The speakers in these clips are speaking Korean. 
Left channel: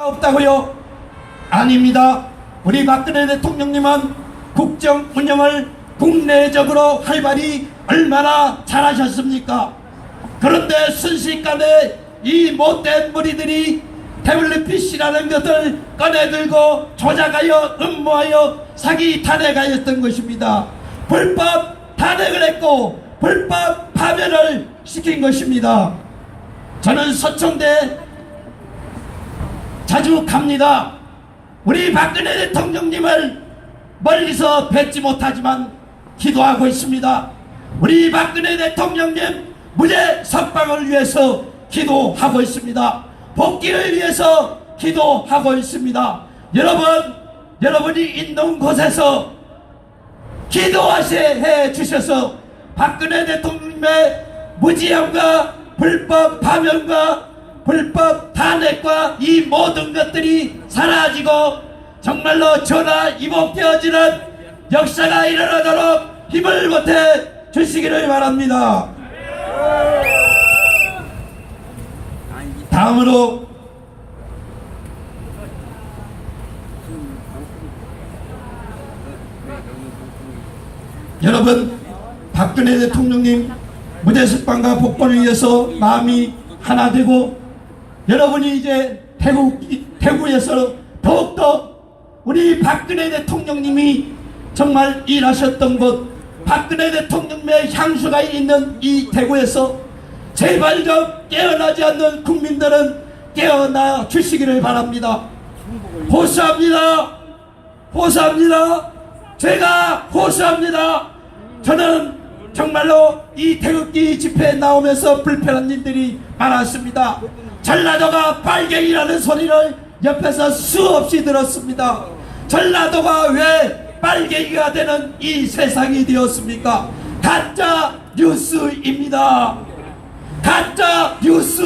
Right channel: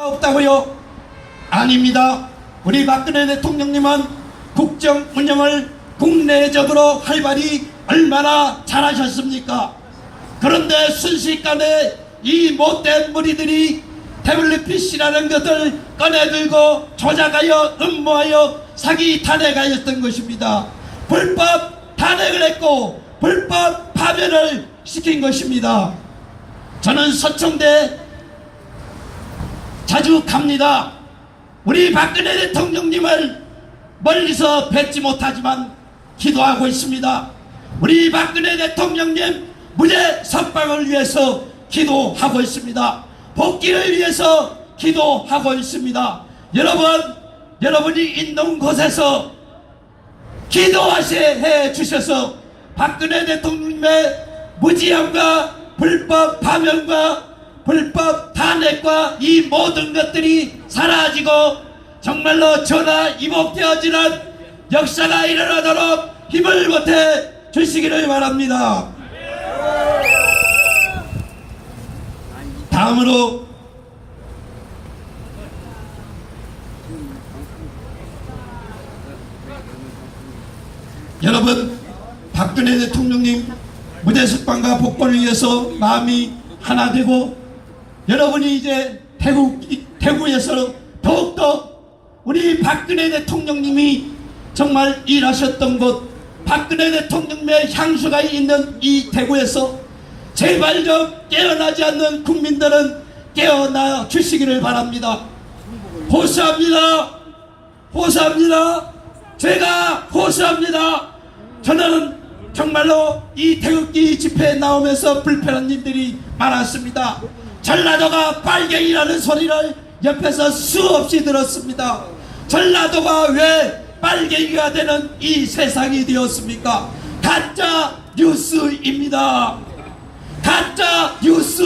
없다고요? 아닙니다. 우리 박근혜 대통령님은 국정 운영을 국내적으로 활발히 얼마나 잘하셨습니까? 그런데 순식간에 이 못된 무리들이 태블릿PC라는 것을 꺼내들고 조작하여 음모하여 사기 탄핵하였던 것입니다. 불법 탄핵을 했고 불법 파면을 시킨 것입니다. 저는 서청대 자주 갑니다. 우리 박근혜 대통령님을 멀리서 뵙지 못하지만 기도하고 있습니다. 우리 박근혜 대통령님 무죄 석방을 위해서 기도하고 있습니다. 복귀를 위해서 기도하고 있습니다. 여러분이 있는 곳에서 기도하셔 주셔서 박근혜 대통령의 무지함과 불법 파면과 불법 탄핵과 이 모든 것들이 사라지고 정말로 전화위복되어지는 역사가 일어나도록 힘을 보태 주시기를 바랍니다. 다음으로 여러분, 박근혜 대통령님 무죄 석방과 복권을 위해서 마음이 하나 되고 여러분이 이제 대구에서 더욱더 우리 박근혜 대통령님이 정말 일하셨던 곳, 박근혜 대통령의 향수가 있는 이 대구에서 제발 좀 깨어나지 않는 국민들은 깨어나 주시기를 바랍니다. 호소합니다. 호소합니다. 제가 호소합니다. 저는 정말로 이 태극기 집회에 나오면서 불편한 일들이 많았습니다. 전라도가 빨갱이라는 소리를 옆에서 수없이 들었습니다. 전라도가 왜 빨갱이가 되는 이 세상이 되었습니까? 가짜 뉴스입니다. 가짜 뉴스.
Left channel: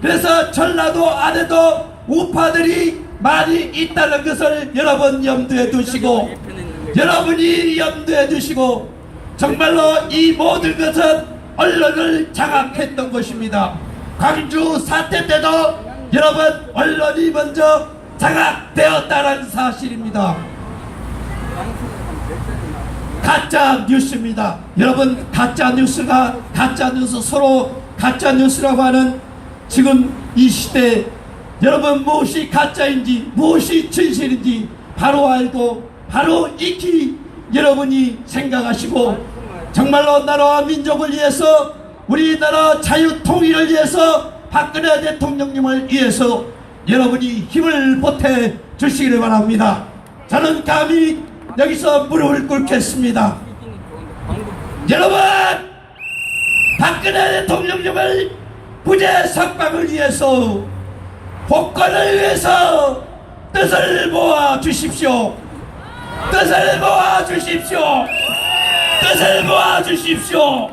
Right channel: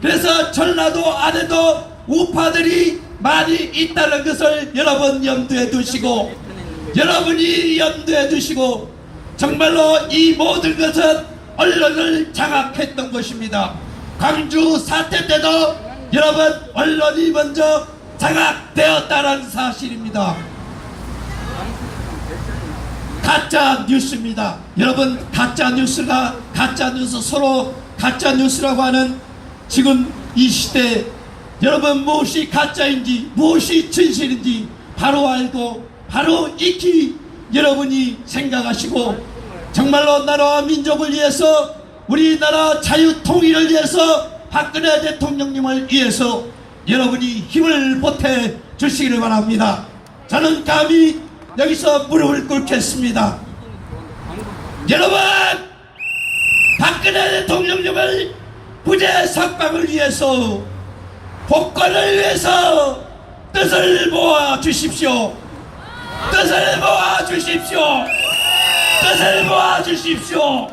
그래서 전라도 안에도 우파들이 많이 있다는 것을 여러분 염두에 두시고, 여러분이 염두에 두시고, 정말로 이 모든 것은 언론을 장악했던 것입니다. 광주 사태 때도 여러분 언론이 먼저 장악되었다는 사실입니다. 가짜 뉴스입니다. 여러분, 가짜 뉴스가 가짜 뉴스, 서로 가짜 뉴스라고 하는 지금 이 시대에 여러분 무엇이 가짜인지 무엇이 진실인지 바로 알고 바로 익히 여러분이 생각하시고, 정말로 나라와 민족을 위해서, 우리나라 자유 통일을 위해서, 박근혜 대통령님을 위해서 여러분이 힘을 보태 주시기를 바랍니다. 저는 감히 여기서 무릎을 꿇겠습니다. 여러분, 박근혜 대통령님을 무죄 석방을 위해서, 복권을 위해서 뜻을 모아 주십시오. 뜻을 모아 주십시오. 뜻을 모아 주십시오.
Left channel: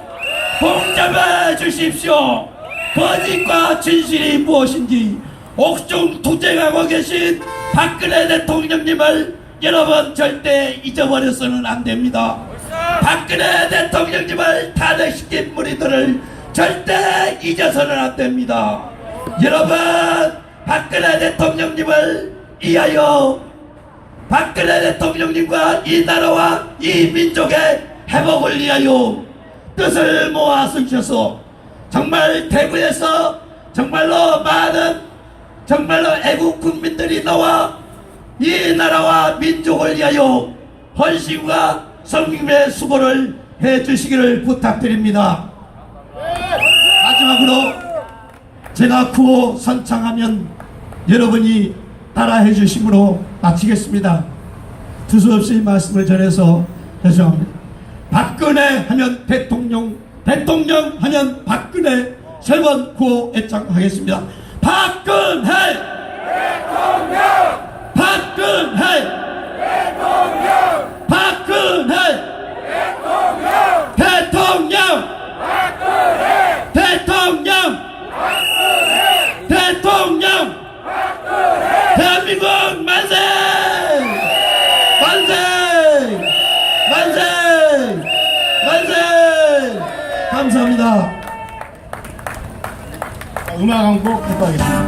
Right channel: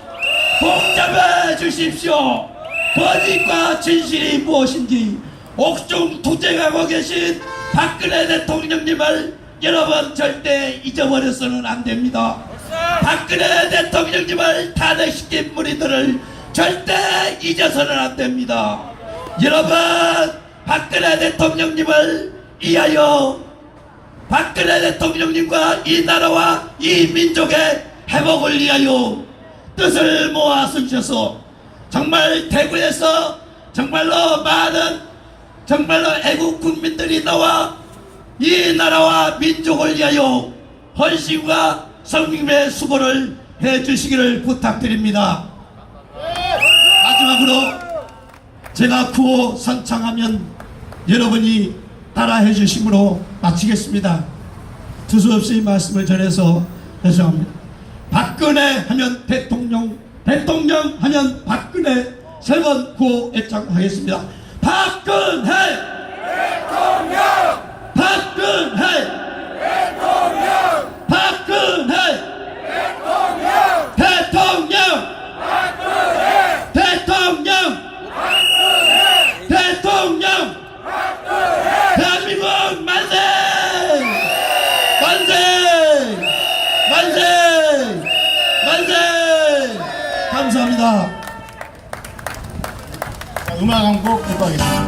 봉잡아 주십시오. 거짓과 진실이 무엇인지 옥중 투쟁하고 계신 박근혜 대통령님을 여러분 절대 잊어버려서는 안 됩니다. 박근혜 대통령님을 탄핵시킨 무리들을 절대 잊어서는 안 됩니다. 여러분, 박근혜 대통령님을 위하여, 박근혜 대통령님과 이 나라와 이 민족의 회복을 위하여 뜻을 모아 주셔서 정말 대구에서 정말로 많은 정말로 애국 국민들이 나와 이 나라와 민족을 위하여 헌신과 성김의 수고를 해주시기를 부탁드립니다. 마지막으로 제가 구호 선창하면 여러분이 따라해 주심으로 마치겠습니다. 두서없이 말씀을 전해서 죄송합니다. 박근혜 하면 대통령, 대통령 하면 박근혜, 세 번 구호 애창하겠습니다. 박근혜 대통령, 박근혜 대통령, 박근혜 대통령, 대통령, 박근혜 대통령, 박근혜 대통령, 박근혜 대한민국 만세! 만세! 만세! 만세! 감사합니다. 음악 한 곡 듣고 하겠습니다.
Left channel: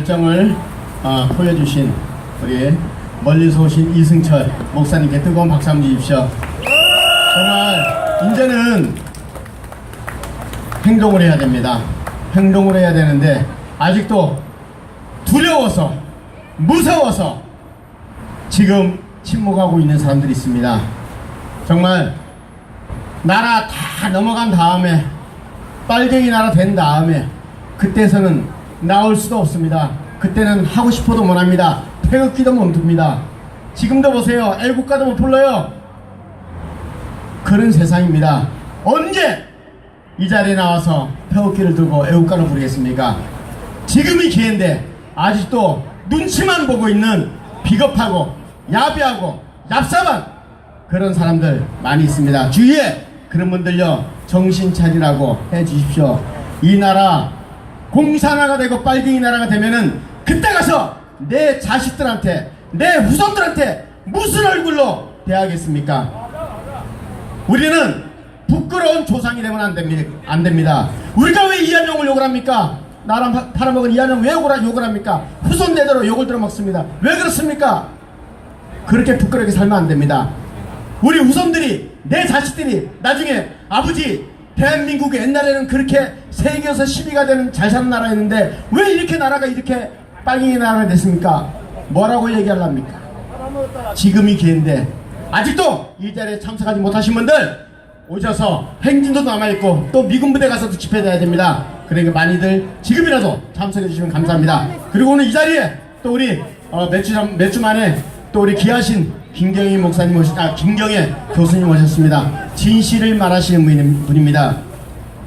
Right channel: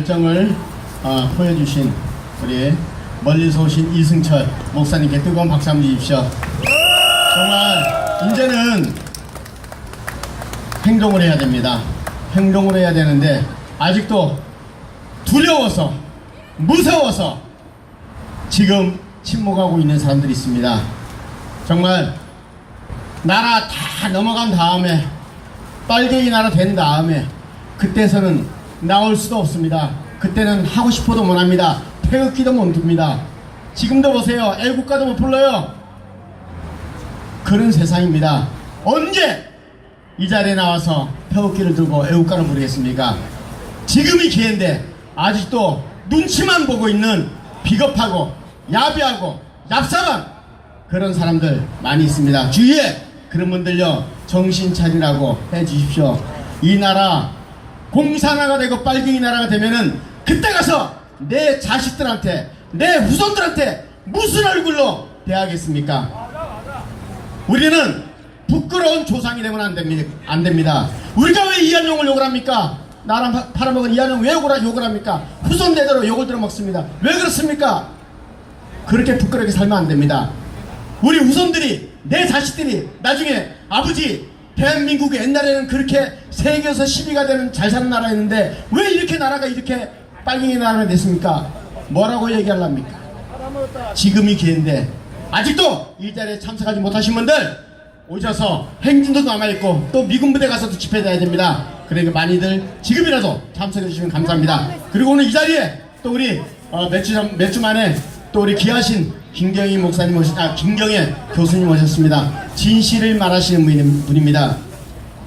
열정을 보여주신 우리 멀리서 오신 이승철 목사님께 뜨거운 박수 한번 주십시오. 정말 이제는 행동을 해야 됩니다. 행동을 해야 되는데 아직도 두려워서 무서워서 지금 침묵하고 있는 사람들이 있습니다. 정말 나라 다 넘어간 다음에 빨갱이 나라 된 다음에 그때서는 나올 수도 없습니다. 그때는 하고 싶어도 못합니다. 태극기도 못 듭니다. 지금도 보세요. 애국가도 못 불러요. 그런 세상입니다. 언제 이 자리에 나와서 태극기를 들고 애국가를 부르겠습니까? 지금이 기회인데 아직도 눈치만 보고 있는 비겁하고 야비하고 얍삽한 그런 사람들 많이 있습니다. 주위에 그런 분들요, 정신 차리라고 해 주십시오. 이 나라 공산화가 되고 빨갱이 나라가 되면은 그때 가서 내 자식들한테, 내 후손들한테 무슨 얼굴로 대하겠습니까? 우리는 부끄러운 조상이 되면 안 됩니다. 우리가 왜 이한용을 욕을 합니까? 나랑 팔아먹은 이한용 왜 욕을 합니까? 후손대대로 욕을 들어먹습니다. 왜 그렇습니까? 그렇게 부끄럽게 살면 안 됩니다. 우리 후손들이, 내 자식들이 나중에 아버지 대한민국이 옛날에는 그렇게 세계에서 10위가 되는 잘 사는 나라였는데 왜 이렇게 나라가 이렇게 빨갱이 나라가 됐습니까? 뭐라고 얘기하랍니까? 지금이 기회인데 아직도 이 자리에 참석하지 못하신 분들 오셔서 행진도 남아있고 또 미군 부대 가서도 집회해야 됩니다. 그러니까 많이들 지금이라도 참석해 주시면 감사합니다. 그리고 오늘 이 자리에 또 우리 몇 주 만에 또 우리 귀하신 김경희 목사님 김경희 교수님 오셨습니다. 진실을 말하시는 분입니다.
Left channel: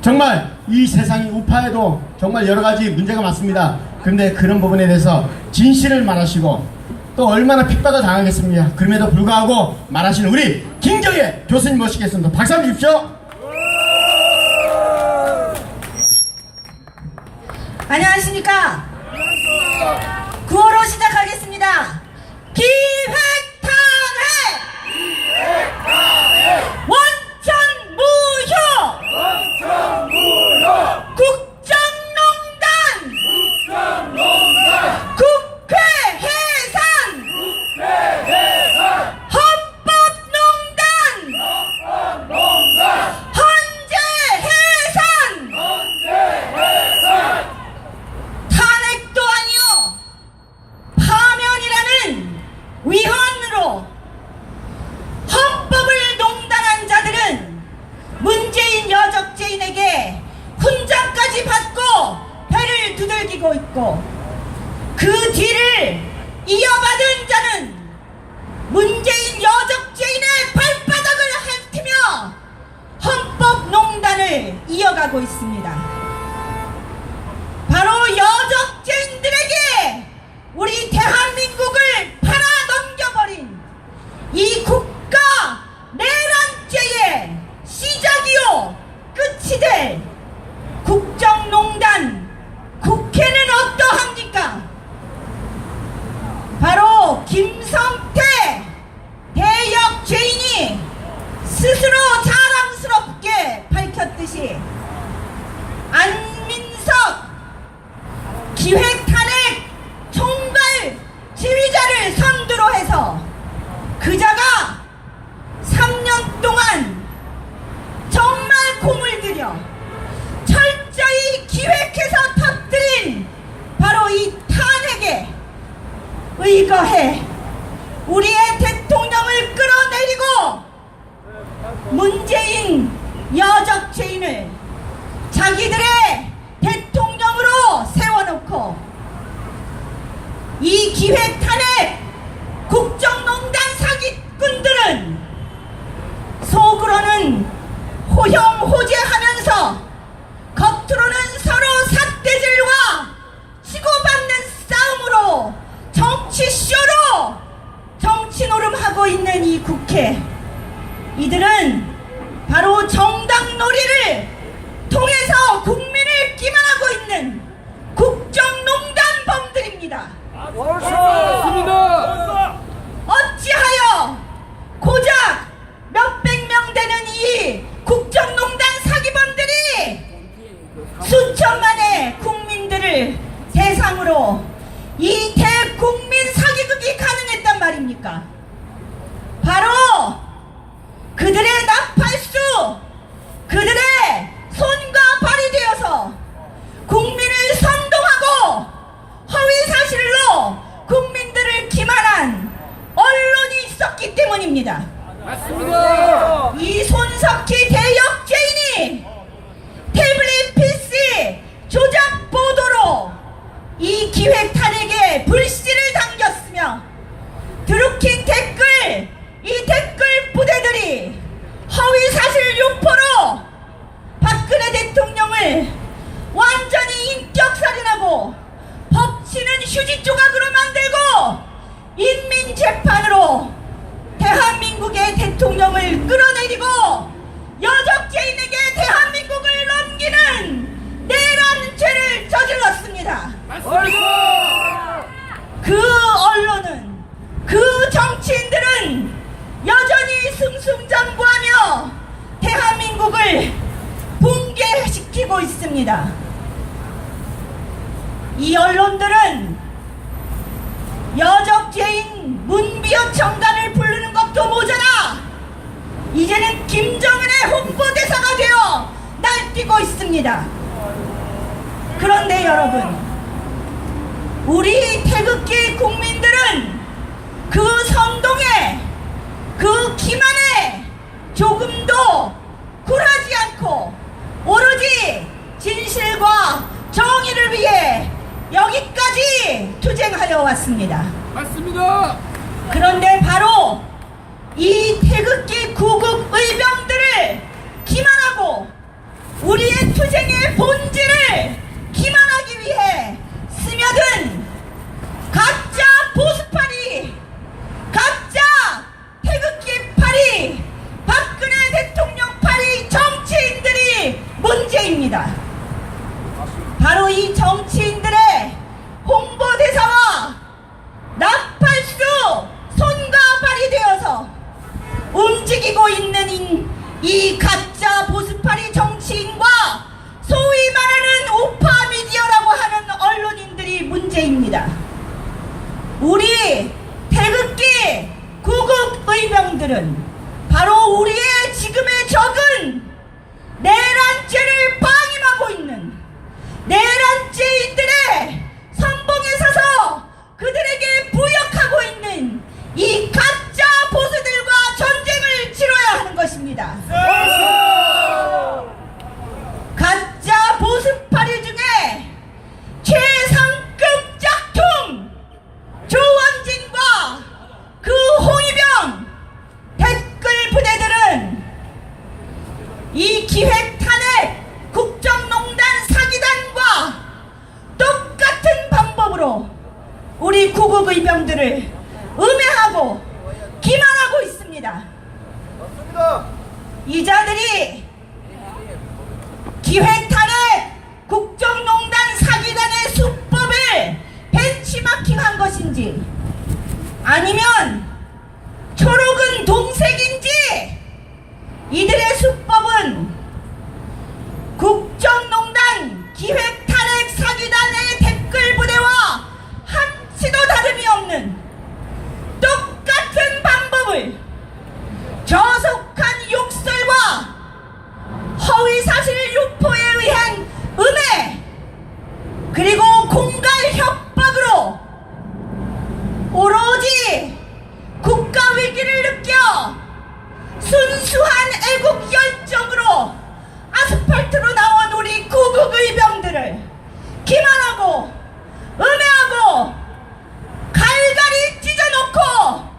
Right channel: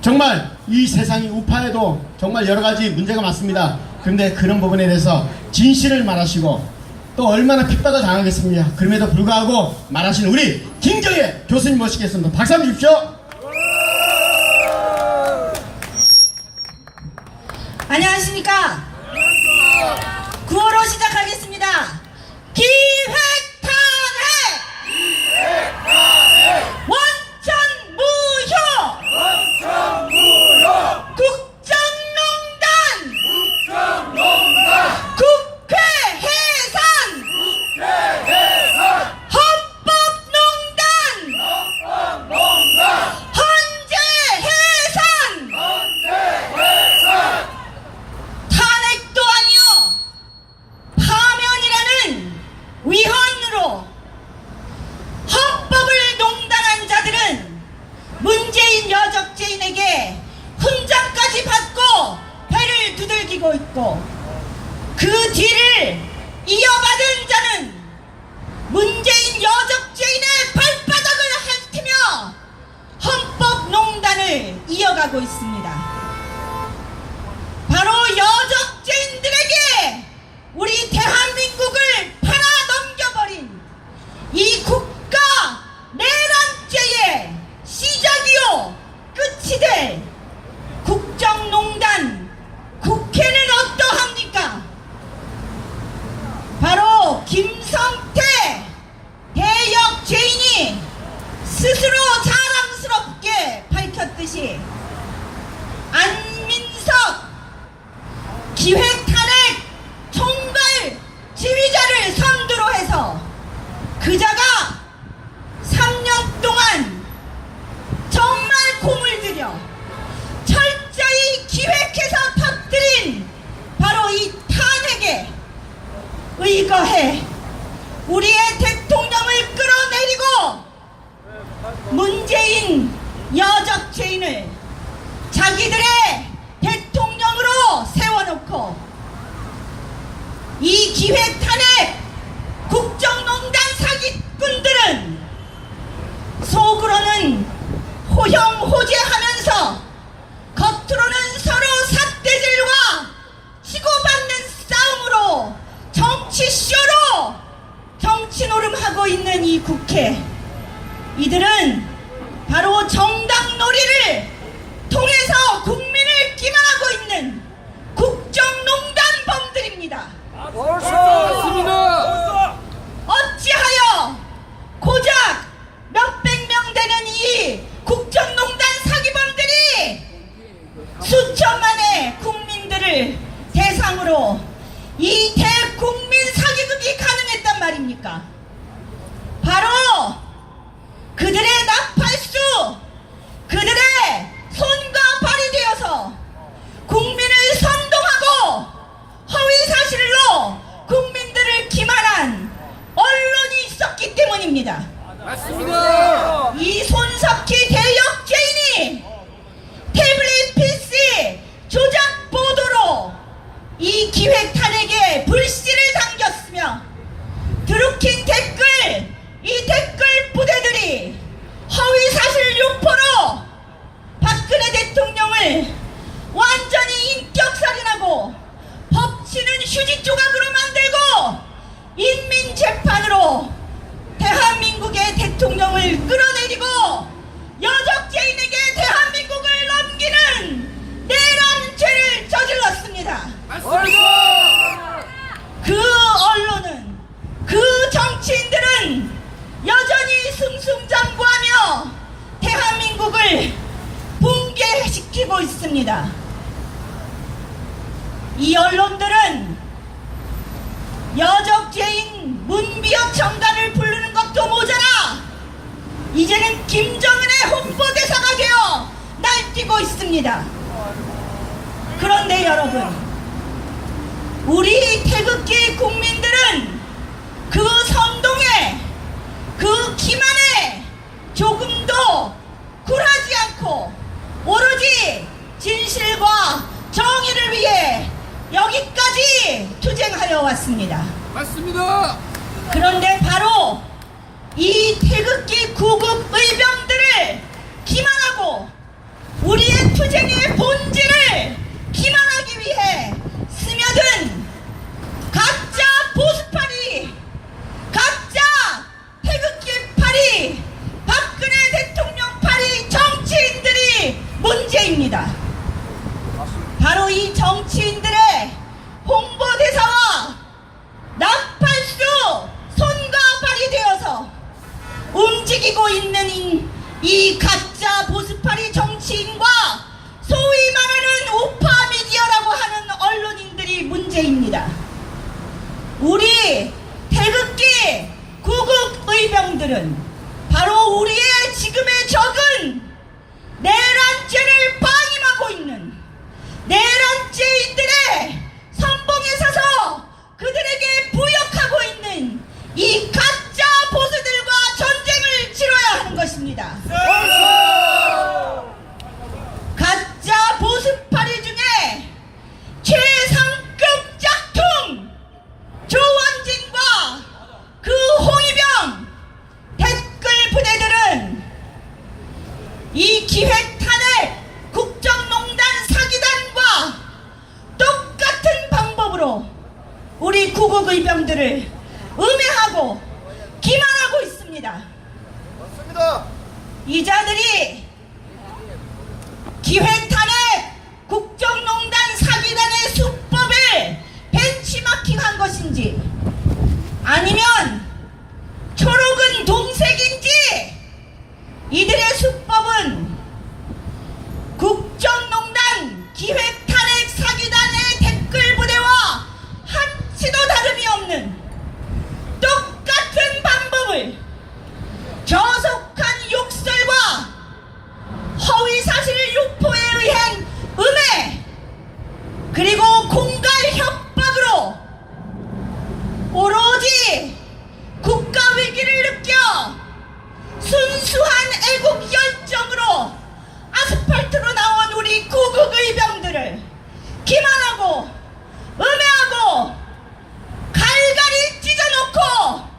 정말 이 세상이 우파에도 정말 여러가지 문제가 많습니다. 그런데 그런 부분에 대해서 진실을 말하시고 또 얼마나 핍박을 당하겠습니까? 그럼에도 불구하고 말하시는 우리 김경희 교수님 모시겠습니다. 박수 한번 주십시오. 안녕하십니까? 9호로 시작하겠습니다. 기획탄핵! 원천무효! 국정농단! 국회 해산! 헌법농단! 헌재 해산! 탄핵도 아니요 파면이라는 위헌으로 헌법을 농단한 자들은 문재인 여적죄인에게 훈장까지 받고 배를 두들기고 있고 그 뒤를 이어받은 자는 문재인 여적죄인의 발바닥을 핥으며 헌법 농단을 이어가고 있습니다. 바로 여적죄인들에게 우리 대한민국을 팔아넘겨버린 이 국가 내란죄의 시작이요 끝이 될 국정농단 국회는 어떠합니까? 바로 김성태 대역죄인이 스스로 자랑스럽게 밝혔듯이 안민석 기획탄핵 총괄 지휘자를 선두로 해서 그자가 3년 동안 정말 공을 들여 철저히 기획해서 터뜨린 바로 이 탄핵에 의거해 우리의 대통령을 끌어내리고 문재인 여적죄인을 자기들의 대통령으로 세워놓고 이 기획탄핵 국정농단 사기꾼들은 속으로는 호형호재하면서 겉으로는 서로 삿대질과 치고받는 싸움으로 정치쇼로 정치노름하고 있는 이 국회, 이들은 바로 정당놀이를 통해서 국민을 기만하고 있는 국정농단범들입니다. 어찌하여 고작 몇백 명 되는 이 국정농단 사기범들이 수천만의 국민들을 대상으로 때문입니다. 이 손석희 대역죄인이 태블릿 PC 조작 보도로 이 기획 탄핵에 불씨를 당겼으며 드루킹 댓글, 이 댓글 부대들이 허위 사실 유포로 박근혜 대통령을 완전히 인격살인하고 법치는 휴지 조각으로 만들고 인민재판으로 대한민국의 대통령을 끌어내리고 여적죄인에게 대한민국을 넘기는 내란 죄를 저질렀습니다. 그 언론은, 그 정치인들은 여전히 승승장구하며 대한민국을 붕괴시키고 있습니다. 이 언론들은 여적죄인 문비어 청단을 부르는 것도 모자라 이제는 김정은의 홍보대사가 되어 날뛰고 있습니다. 그런데 여러분, 우리 태극기 국민들은 그 선동에, 그 기만에 조금도 굴하지 않고 오로지 진실과 정의를 위해 여기까지 투쟁하여 왔습니다. 맞습니다. 그런데 바로 이 태극기 구국 의병들을 기만하고 우리의 투쟁의 본질을 기만하기 위해 스며든 가짜 보수파리, 가짜 태극기파리, 박근혜 대통령파리 정치인들이 문제입니다. 바로 이 정치인들의 홍보대사와 나팔수 손과 발이 되어서 움직이고 있는 이 가짜 보수파리 정치인과 소위 말하는 우파 미디어라고 하는 언론인들이 문제입니다. 우리 태극기 구국 의병들은 바로 우리의 지금의 적은 내란죄를 방임하고 있는 내란죄인들의 선봉에 서서 그들에게 부역하고 있는 이 가짜 보수들과 전쟁을 치러야 하는 것입니다. 가짜 보수파리 중에 최상급 짝퉁 조원진과 그 홍위병 댓글 부대들은 이 기획 탄핵 국정농단 사기단과 똑같은 방법으로 우리 구국 의병들을 음해하고 기만하고 있습니다. 이 자들이 기획 탄핵 국정농단 사기단의 수법을 벤치마킹한 것인지 아니면 초록은 동색인지 이들의 수법은 국정농단 기획 탄핵 사기단의 댓글 부대와 한치도 다름이 없는 똑같은 방법을 저속한 욕설과 허위사실 유포에 의한 음해 그리고 공갈 협박으로 오로지 국가 위기를 느껴 순수한 애국 열정으로 아스팔트로 나온 우리 구국 의병들을 기만하고 음해하고 갈갈이 찢어놓고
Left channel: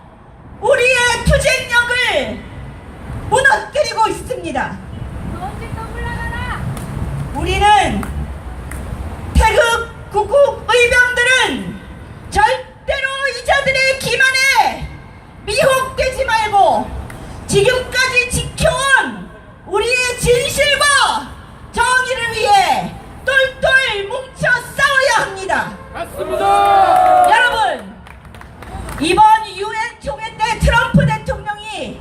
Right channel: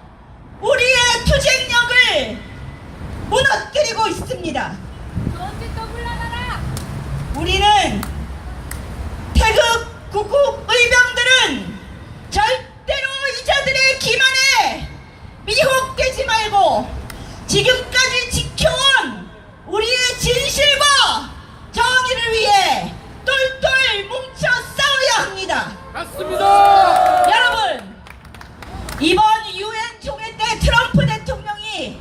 우리의 투쟁력을 무너뜨리고 있습니다. 우리는 태극 구국 의병들은 절대로 이자들의 기만에 미혹되지 말고 지금까지 지켜온 우리의 진실과 정의를 위해 똘똘 뭉쳐 싸워야 합니다. 맞습니다. 여러분, 이번 UN 총회 때 트럼프 대통령이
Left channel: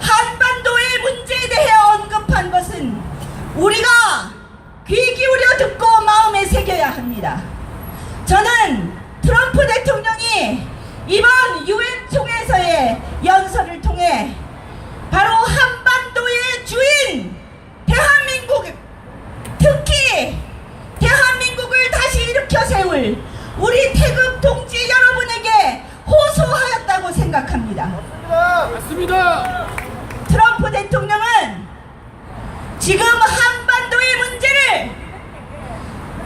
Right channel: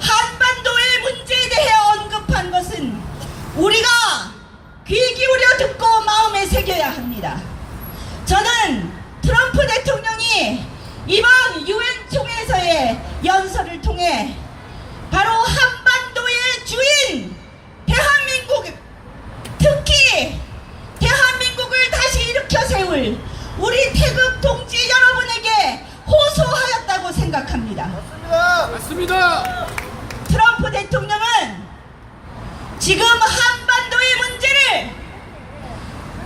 한반도의 문제에 대해 언급한 것은 우리가 귀 기울여 듣고 마음에 새겨야 합니다. 저는 트럼프 대통령이 이번 UN 총회에서의 연설을 통해 바로 한반도의 주인 대한민국, 특히 대한민국을 다시 일으켜 세울 우리 태극 동지 여러분에게 호소하였다고 생각합니다. 맞습니다. 트럼프 대통령은 지금 한반도의 문제를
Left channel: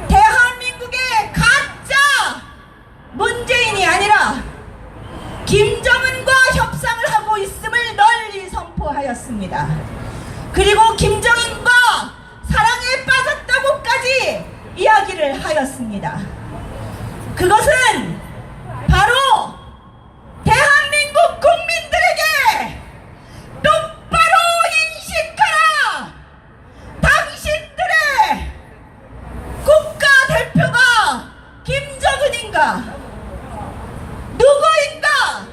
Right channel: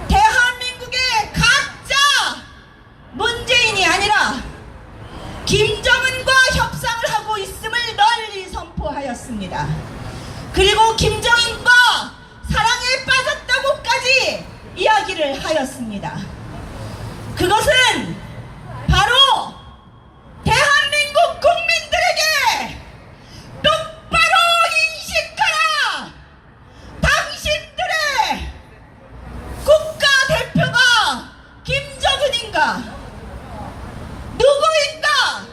대한민국의 가짜 문재인이 아니라 김정은과 협상을 하고 있음을 널리 선포하였습니다. 그리고 김정은과 사랑에 빠졌다고까지 이야기를 하였습니다. 그것은 바로 대한민국 국민들에게 똑바로 인식하라! 당신들의 국가대표가 김정은인가? 누구인가?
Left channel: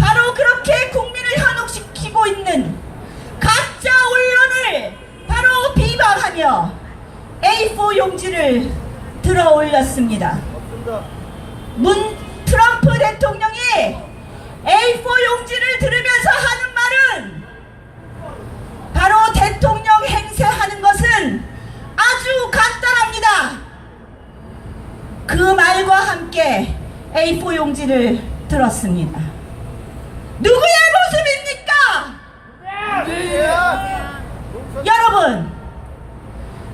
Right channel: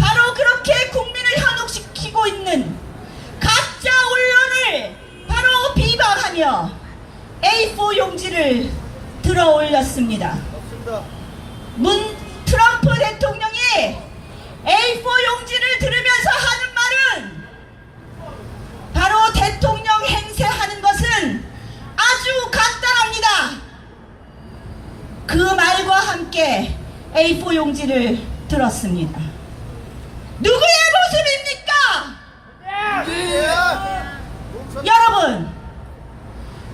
바로 그렇게 국민을 현혹시키고 있는 가짜 언론을 바로 비방하며 A4 용지를 들어 올렸습니다. 트럼프 대통령이 A4 용지를 들으면서 하는 말은 바로 대통령 행세하는 것은 아주 간단합니다. 그 말과 함께 A4 용지를 들었습니다. 누구의 모습입니까? 여러분,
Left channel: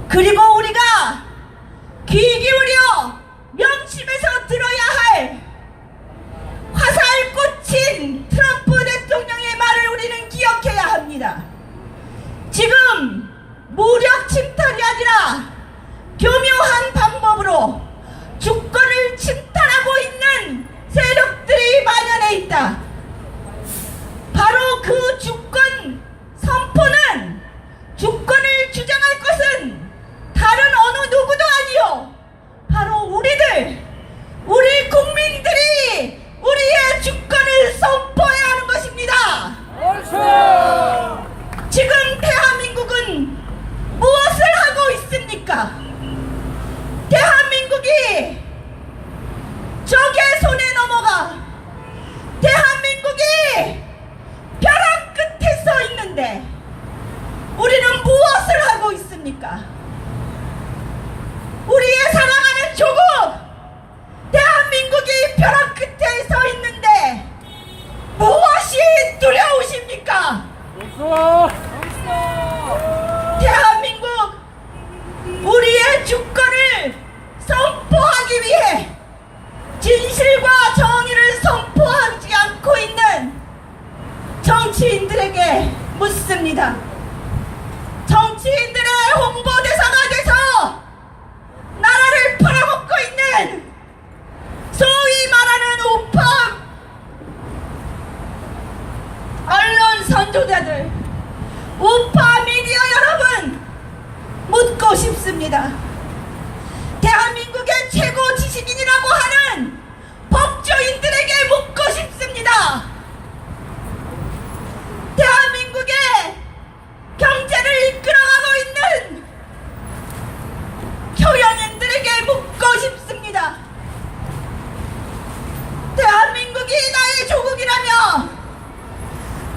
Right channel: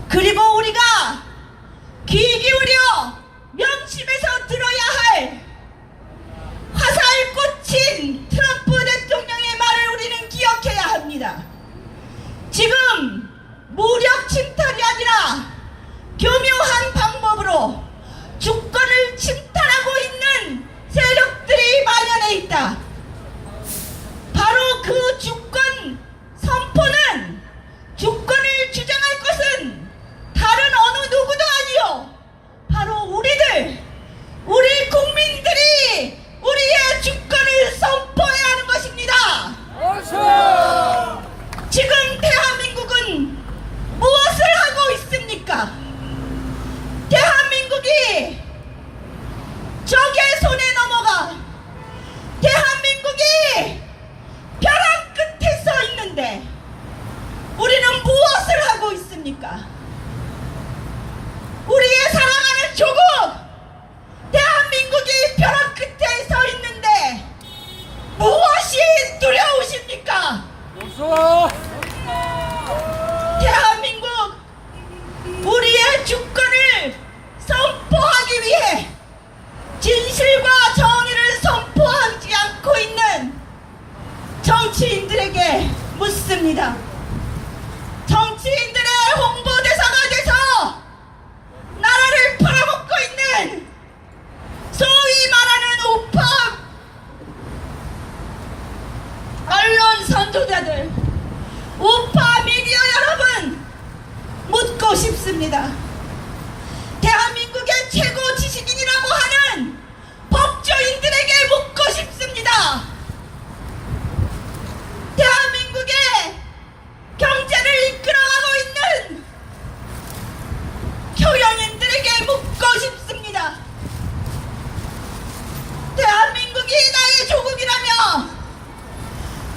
그리고 우리가 귀 기울여 명심해서 들어야 할 화살 꽂힌 트럼프 대통령의 말을 우리는 기억해야 합니다. 지금 무력 침탈이 아니라 교묘한 방법으로 주권을 침탈하고 있는 세력들이 만연해 있다. 바로 그 주권 선포는, 주권을 주장할 것은 다른 어느 누구도 아니요, 바로 우리 국민들이 우리의 주권을 선포해야 하는 것입니다. 지금 대한민국은 무엇을 하고 있습니까? 대한민국이 적의 손에 넘어가 대한민국이 벼랑 끝에 서 있는데 우리는 무엇을 하고 있습니까? 우리의 사랑하는 조국 대한민국이 벼랑 끝에 서 있는데 무엇이 두려우십니까? 대한민국 우리의 주권을 선포하기 위해 진실과 정의를 선포하지 않고 있는 정치인들에게 묻습니다. 정치인들의 홍보대사가 돼서 나라를 팔아먹고 있는 소위 말하는 우파 언론 선조자들, 우파 미디어 여러분, 묻고 싶습니다. 대한민국의 최고 지식인이라고 하는 법조인들에게 묻고 싶습니다. 대한민국의 경제를 이끌어가고 있는 경영인들에게 묻고 싶습니다. 대한민국이 나의 조국이라며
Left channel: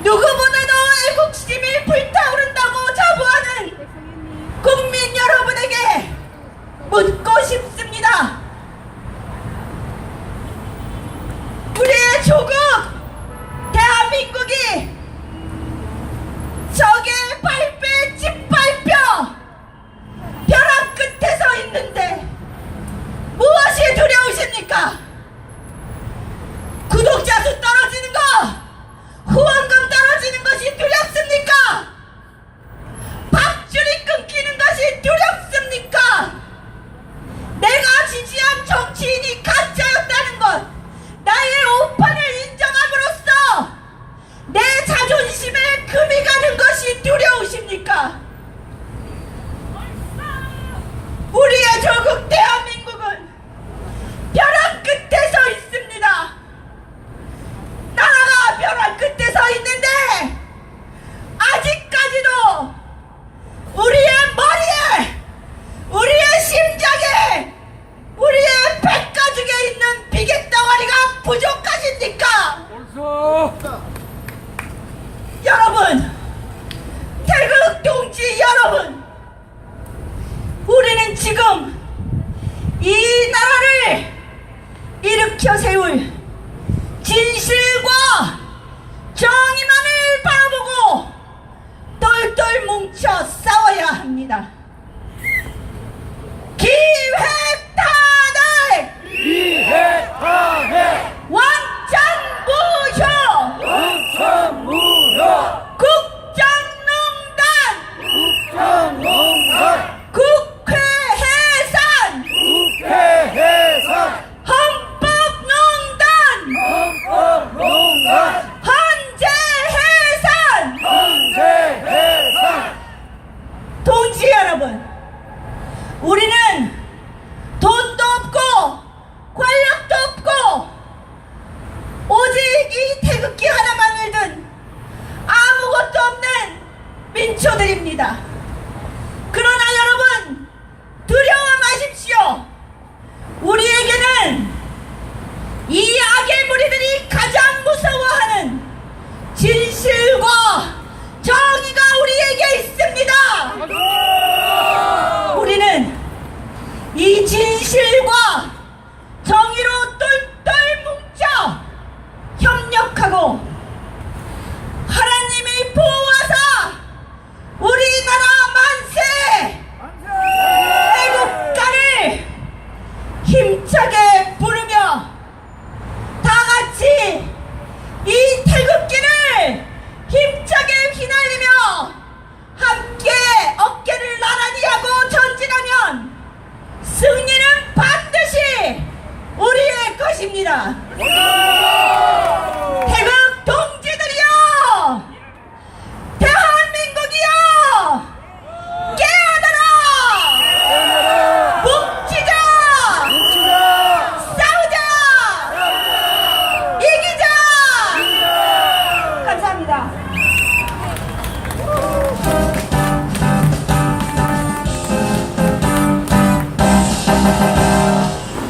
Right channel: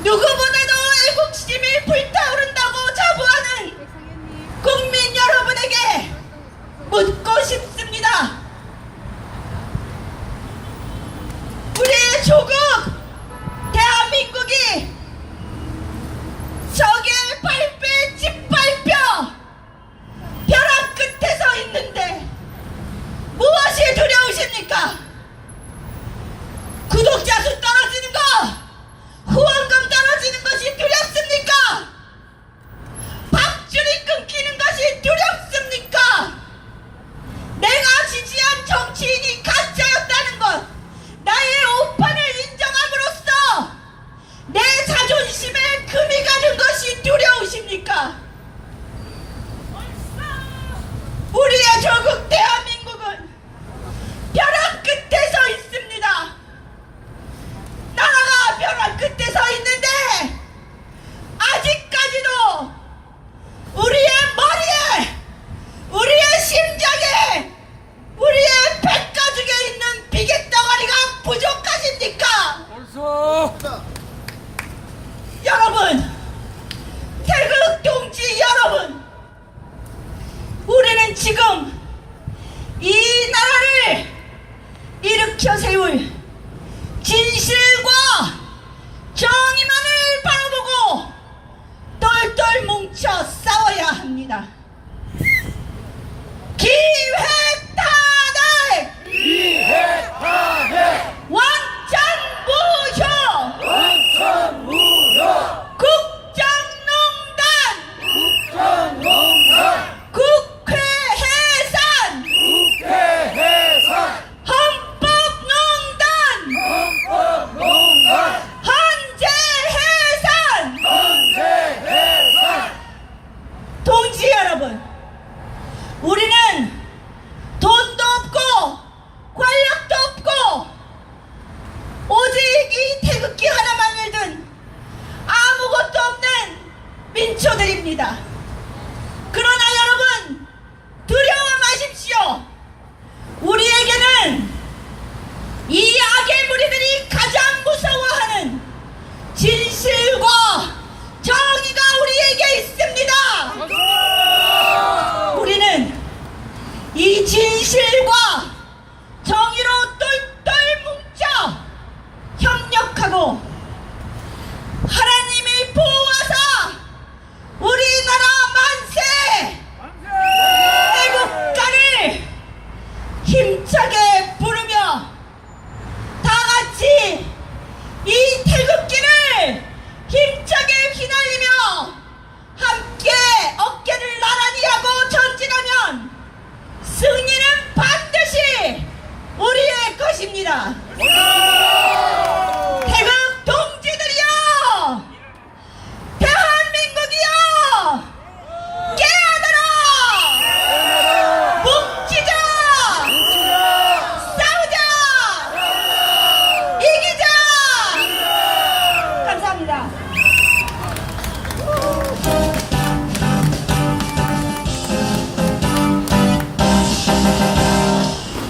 누구보다도 애국심이 불타오른다고 자부하는 국민 여러분에게 묻고 싶습니다. 우리의 조국 대한민국이 적의 발배에 짓밟혀 벼랑 끝에 서 있는데 무엇이 두려우십니까? 구독자 수 떨어지는 거, 후원금 떨어지는 것이 두렵습니까? 밥줄이 끊기는 것이 두렵습니까? 내가 지지한 정치인이 가짜였다는 것, 나의 오판을 인정함으로써 내 자존심에 금이 가는 것이 두려우십니까? 우리의 조국 대한민국은 벼랑 끝에 서 있습니다. 나라가 벼랑 끝에 서 있는데 아직까지도 우리의 머리에, 우리의 심장에, 우리의 백가죽에 있는 비계덩어리가 부족하십니까? 여러분, 태극 동지 여러분, 우리는 지금 이 나라를 일으켜 세울 진실과 정의만을 바라보고 똘똘 뭉쳐 싸워야 합니다. 기획단의 기획하해 원전무효 원천무효 국정농단 국정농단 국회 해산 국회 해산 헌법농단 헌법농단 헌재 해산 헌재 해산 동지 여러분, 우리는 돈도 없고 권력도 없고 오직 이 태극기 하나만 일든 아무것도 없는 민초들입니다. 그러나 여러분, 두려워 마십시오. 우리에게는 이 악의 무리들이 가장 무서워하는 진실과 정의가 우리에게 있습니다. 우리는 이 진실과 정의로 똘똘 뭉쳐 협력하고 하나님이 보호하사 우리나라 만세 애국가를 힘차게 부르며 다같이 이 태극기를 힘차게 휘날리며 함께 어깨를 나란히 하고 전진하면 승리는 반드시 우리의 것입니다. 태극 동지들이여, 대한민국이여, 깨어나라! 뭉치자! 싸우자! 이기자! 감사합니다.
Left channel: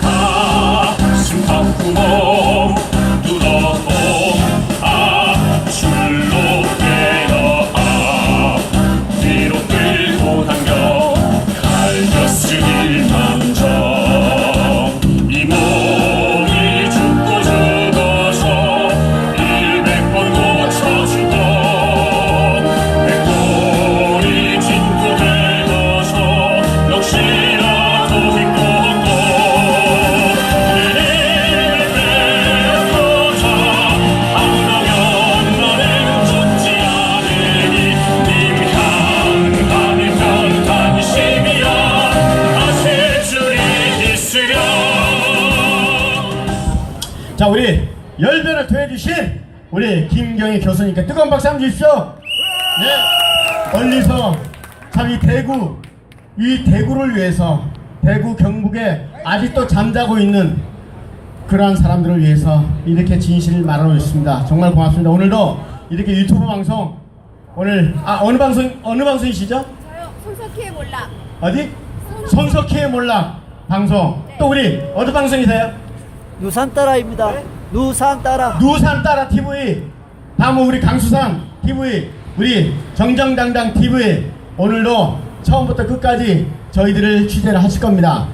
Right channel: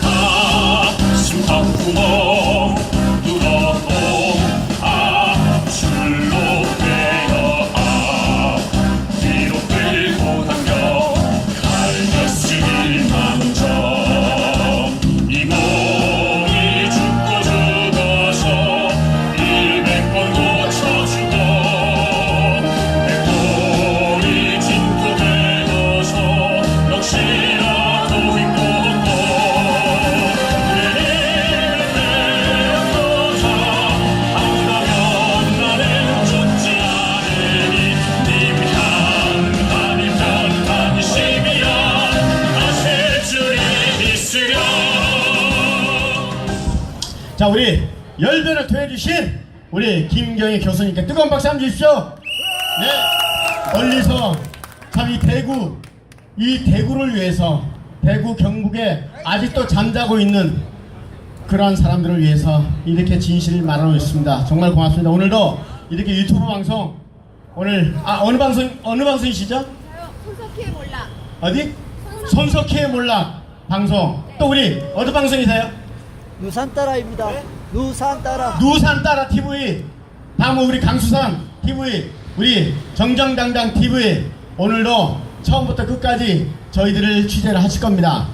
가슴 아프고 눈어도 줄로 깨어 뒤로 끌고 당겨 달렸을 먼저 이 몸이 죽고 죽어서 100번 고쳐주던 백골이 진고 되어서 역시나도 행복했고 자, 우리 열변을 토해주신 우리 김경희 교수님께 뜨거운 박수 한번 주십시오. 네, 멀리서 참 이 대구를 위해서, 대구 경북에 아직도 잠자고 있는 그러한 사람들을 위해서 이렇게 진실을 말하고 있습니다. 정말 고맙습니다. 오늘도 이렇게 유튜브 방송, 오늘 어느 방송이시죠? 손석희의 몰락. 어디? 손석희의 몰락 방송. 또 우리 어느 방송이세요? 누산따라입니다. 누산따라. 누산따라 TV, 다음 우리 강수산 TV, 우리 정정당당 TV, 오늘도 처음부터 끝까지 저희들을 취재를 하실 겁니다.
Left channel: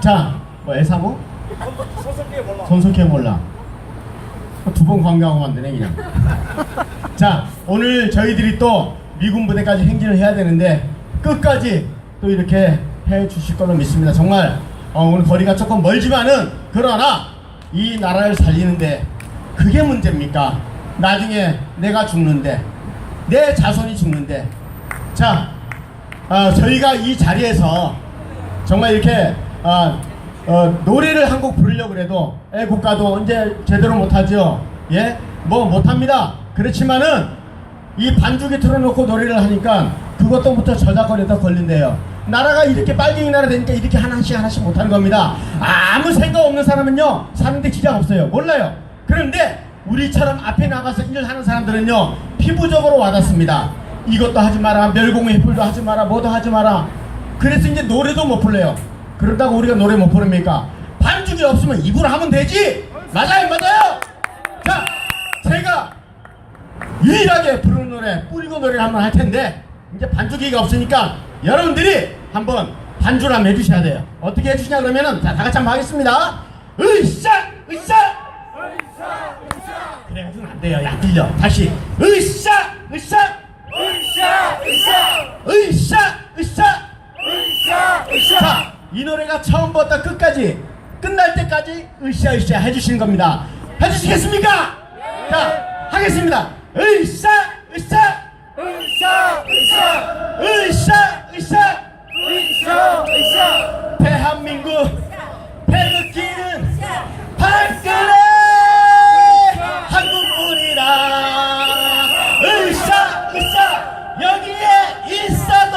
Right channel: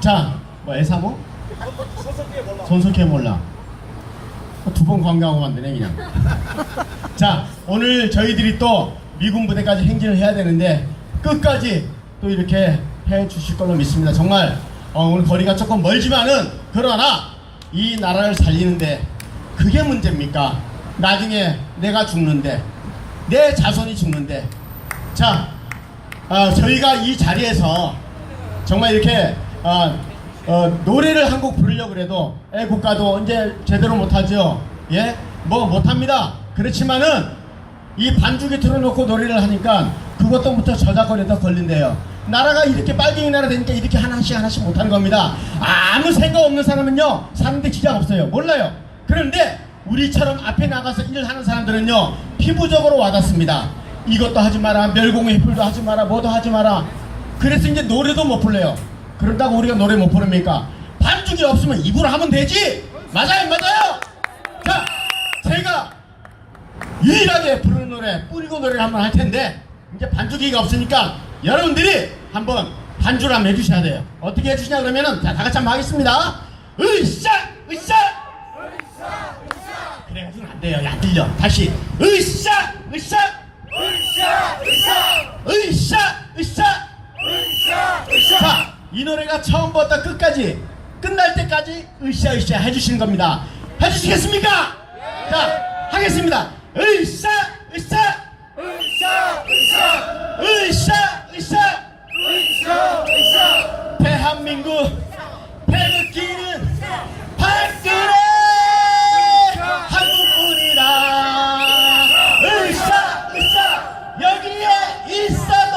자, 뭐 애사모? 손석희의 몰라. 두 번 광고하고 만드네 그냥. 자, 오늘 저희들이 또 미군 부대까지 행진을 해야 되는데 끝까지 또 이렇게 해 주실 걸로 믿습니다. 정말 오늘 거리가 조금 멀지만은, 그러나 이 나라를 살리는데 그게 문제입니까? 나중에 내가 죽는데, 내 자손이 죽는데. 자, 저희가 이 자리에서 정말 이렇게 노래를 한 곡 부르려고 그래도 애국가도 이제 제대로 못하죠. 예? 뭐 못합니다. 그렇지만은 이 반죽에 틀어놓고 노래를 하니까 그것도부터 저작거리다 걸린대요. 나라가 이렇게 빨갱이 나라 되니까 이렇게 하나씩 못하는 겁니다. 아무 생각 없는 사람은요 사는데 지장 없어요. 몰라요. 그런데 우리처럼 앞에 나가서 일을 하는 사람들은요 피부적으로 와닿습니다. 이것도 하지 마라, 멸공의 횃불도 하지 마라, 뭐도 하지 마라. 그래서 이제 노래도 못 불러요. 그런다고 우리가 노래 못 부릅니까? 반죽이 없으면 입으로 하면 되지. 맞아요. 자, 제가 유일하게 부르는 노래, 뿌리고 노래를 한번 할 텐데, 이제 반죽이가 없으니까 여러분들이 한번 반주를 한번 해주셔야 돼요. 어떻게 해주시냐 그러면은, 자, 다 같이 한번 하겠습니다. 으쌰! 그래가지고는 안 돼요. 야, 들려. 다시. 으쌰! 으쌰! 으쌰! 자, 이 노래가 처음부터 끝까지, 끝날 때까지 으쌰 해주시는 겁니다. 해주시겠습니다! 자, 하겠습니다. 으쌰! 대한민국 태극기는 박근혜 한국뿐이다. 으쌰 여기에 있어도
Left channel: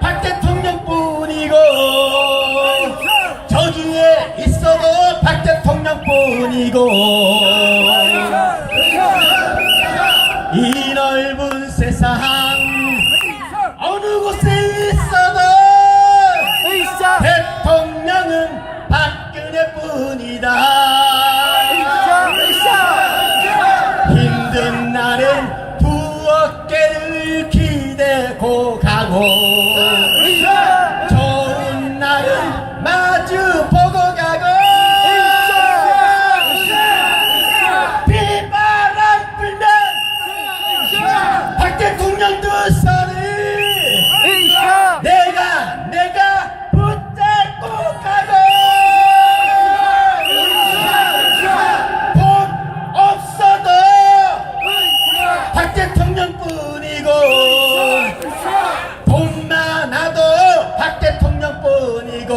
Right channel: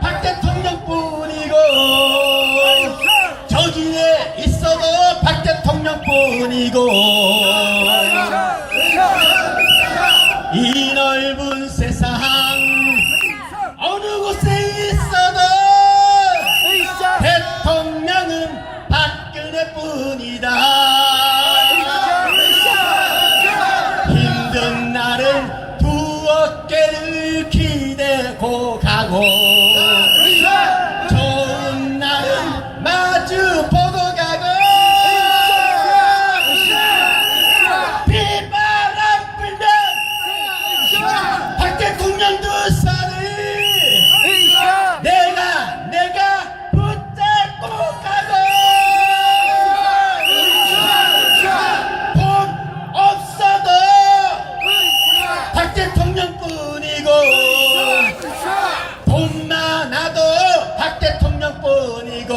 박 대통령뿐이고 저기에 있어도 박 대통령뿐이고 이 넓은 세상 어느 곳에 있어도 대통령은 박근혜뿐이다. 힘든 날은 두 어깨를 기대고 가고 좋은 날은 마주 보고 가고 비바람 불면 박 대통령 두 손을 내가 붙잡고 가고 돈 없어도 박 대통령뿐이고 돈 많아도 박 대통령뿐이고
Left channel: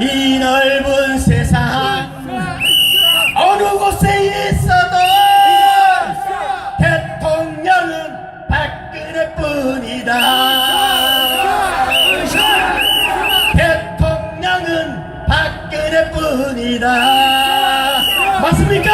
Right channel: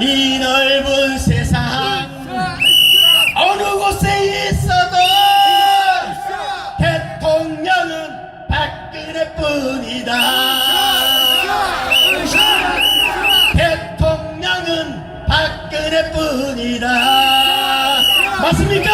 이 넓은 세상 어느 곳에 있어도 대통령은 박근혜뿐이다. 대통령은 박근혜뿐이다. 맞습니까?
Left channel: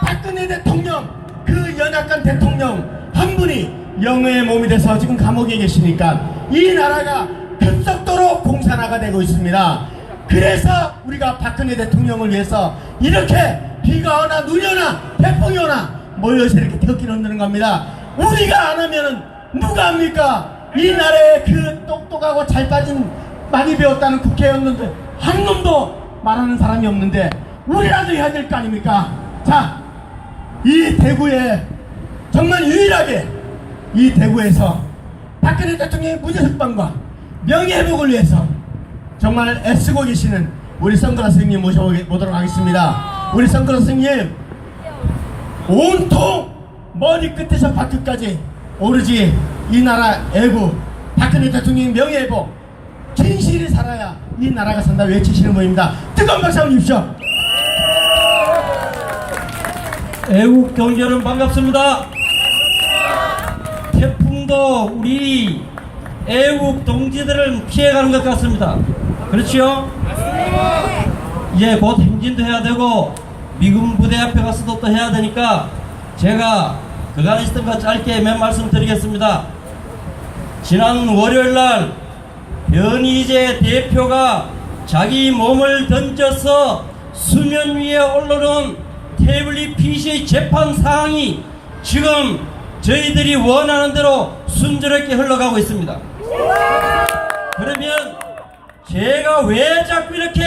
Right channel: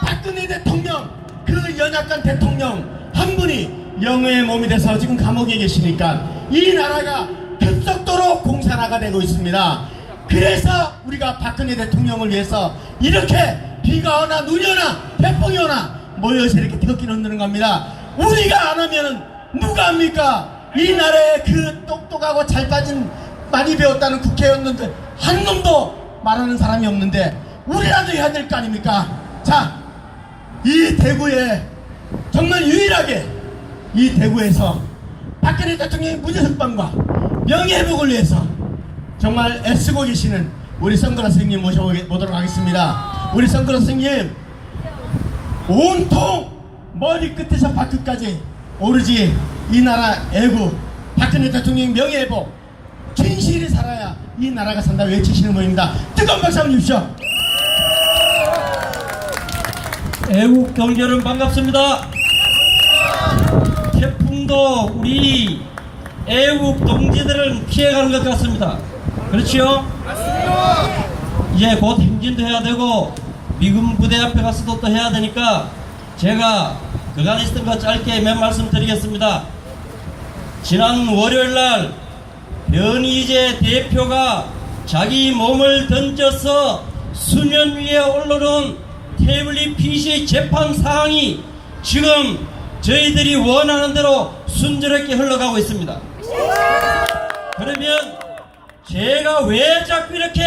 박근혜 대통령, 그 연약한 대통령 한 분이 영의 몸이 돼서 지금 감옥에 계시니까 이 나라가 급속도로 공산화가 되고 있습니다. 그래서 우리가 박근혜 대통령을 위해서 이렇게 비가 오나 눈이 오나 태풍이 오나 모여서 이렇게 태극기를 흔드는 겁니다. 우리가 안 하면은 누가 합니까? 이 나라에 그 똑똑하고 잘 빠진 많이 배웠다는 국회의원들 한 놈도 말하는 사람이 없는데 우리라도 해야 될 거 아닙니까? 자, 이 대구에 정말 유일하게 이 대구에서 박근혜 대통령의 무죄석방과 명예회복을 위해서 정말 애쓰고 계시는 우리 성근아 선생님 모셔보도록 하겠습니다. 우리 성근아 선생님 온통 머리끝에서 발끝까지 오로지 이 나라 애국 박근혜 대통령의 명예회복 진실이 살아야 이 나라가 산다 외치시는 분입니다. 뜨거운 박수 한번 주십시오. 애국 경제는 반갑습니다. 태풍도 우리 애국 동지들을 피해가는 것 같습니다. 그렇지요? 이제 곧 행진도 해야 되고 미군 부대 앞에 가서도 또 해야 되니까 제가 그간 있었던 거 짧게 몇 말씀 드리겠습니다. 지난 월요일날 변희재 대표가 자기 몸을 던져서 수면 위에 올라온 태블릿 PC 재판 사항이 지금 저희들이 원하는 대로 순조롭게 흘러가고 있습니다. 그러면 제가 왜 자꾸 이렇게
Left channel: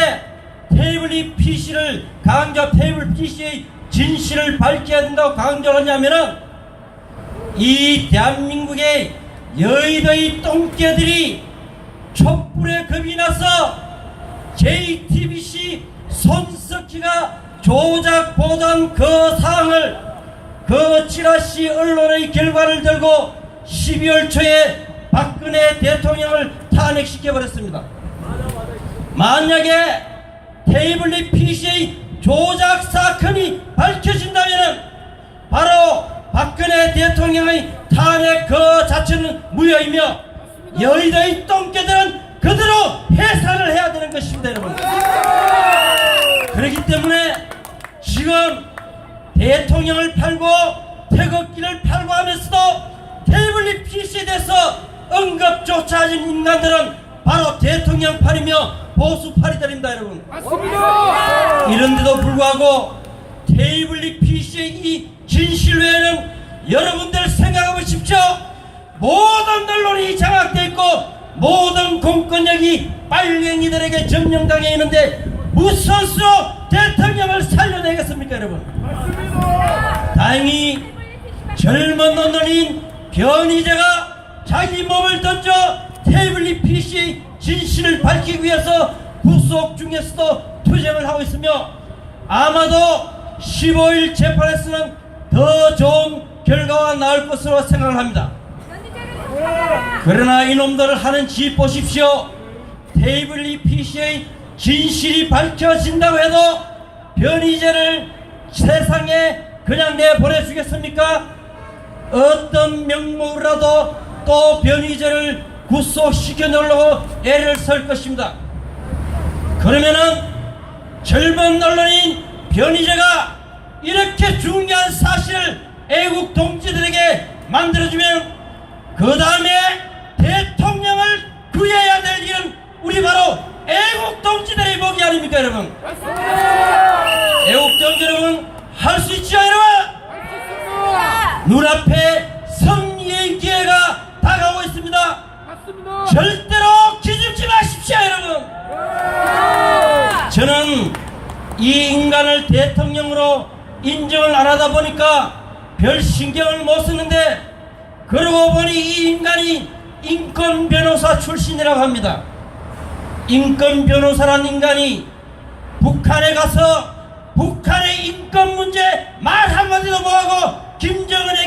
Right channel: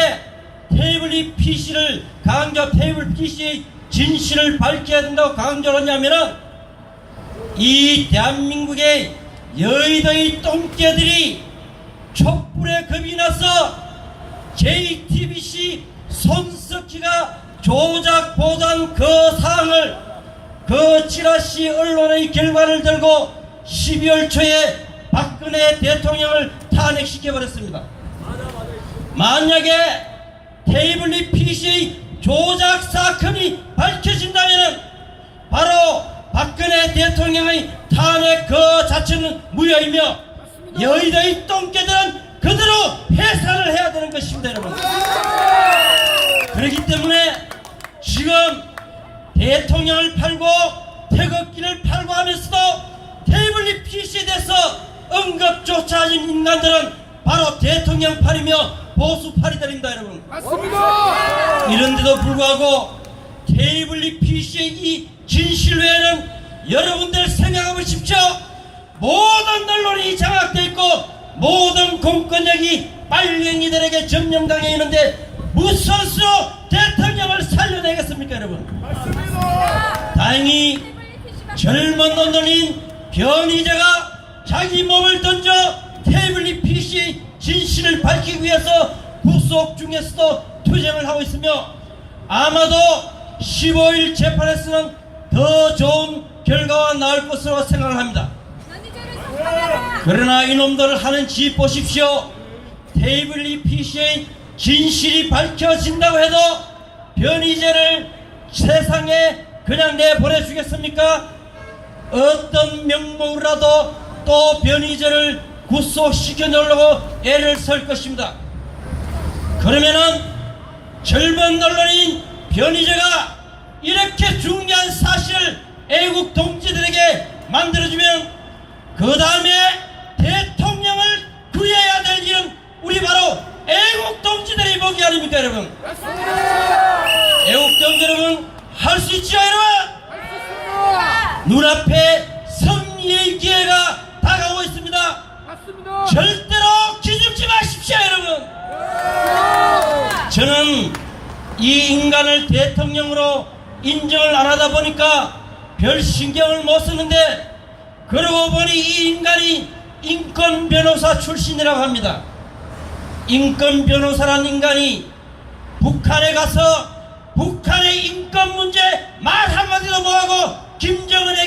태블릿 PC를 태블릿 PC의 진실을 밝혀야 된다고 강조하냐면은 이 대한민국의 여의도의 똥개들이 촛불에 겁이 나서 JTBC 손석희가 조작 보도한 그 사항을 그 찌라시 언론의 결과를 들고 12월 초에 박근혜 대통령을 탄핵시켜버렸습니다. 만약에 태블릿 PC의 조작 사건이 밝혀진다면 바로 박근혜 대통령의 탄핵 그 자체는 무효이며 여의도의 똥개들은 그대로 해산을 해야 되는 것입니다, 여러분. 그렇기 때문에 지금 대통령을 팔고 태극기를 팔고 하면서도 태블릿 PC에 대해서 언급조차 하는 인간들은 바로 대통령 팔이며 보수 팔이들입니다, 여러분. 맞습니다. 이런데도 불구하고 태블릿 PC의 이 진실 외에는 여러분들 생각해 보십시오. 모든 언론이 장악되어 있고 모든 공권력이 빨갱이들에게 점령당해 있는데 무슨 수로 대통령을 살려내겠습니까, 여러분? 다행히 젊은 언론인 변희재가 자기 몸을 던져 태블릿 PC의 진실을 밝히기 위해서 구속 중에서도 투쟁을 하고 있으며 아마도 15일 재판에서는 더 좋은 결과가 나올 것으로 생각을 합니다. 그러나 이놈들을 하는 짓 보십시오. 태블릿 PC의 진실이 밝혀진다고 해도 변희재를 세상에 그냥 내보내주겠습니까? 어떤 명목으로라도 또 변희재를 구속시켜놓으려고 애를 쓸 것입니다. 그러면은 젊은 언론인 변희재가 이렇게 중요한 사실을 애국 동지들에게 만들어주면 그 다음에 대통령을 구해야 될 일은 우리 바로 애국 동지들의 목이 아닙니까, 여러분? 애국 동지 여러분, 할 수 있죠, 여러분? 눈앞에 승리의 기회가 다가오고 있습니다. 절대로 기죽지 마십시오, 여러분. 저는 이 인간을 대통령으로 인정을 안 하다 보니까 별 신경을 못 쓰는데 그러고 보니 이 인간이 인권 변호사 출신이라고 합니다. 인권 변호사라는 인간이 북한에 가서 북한의 인권 문제 말 한마디도 못하고 김정은의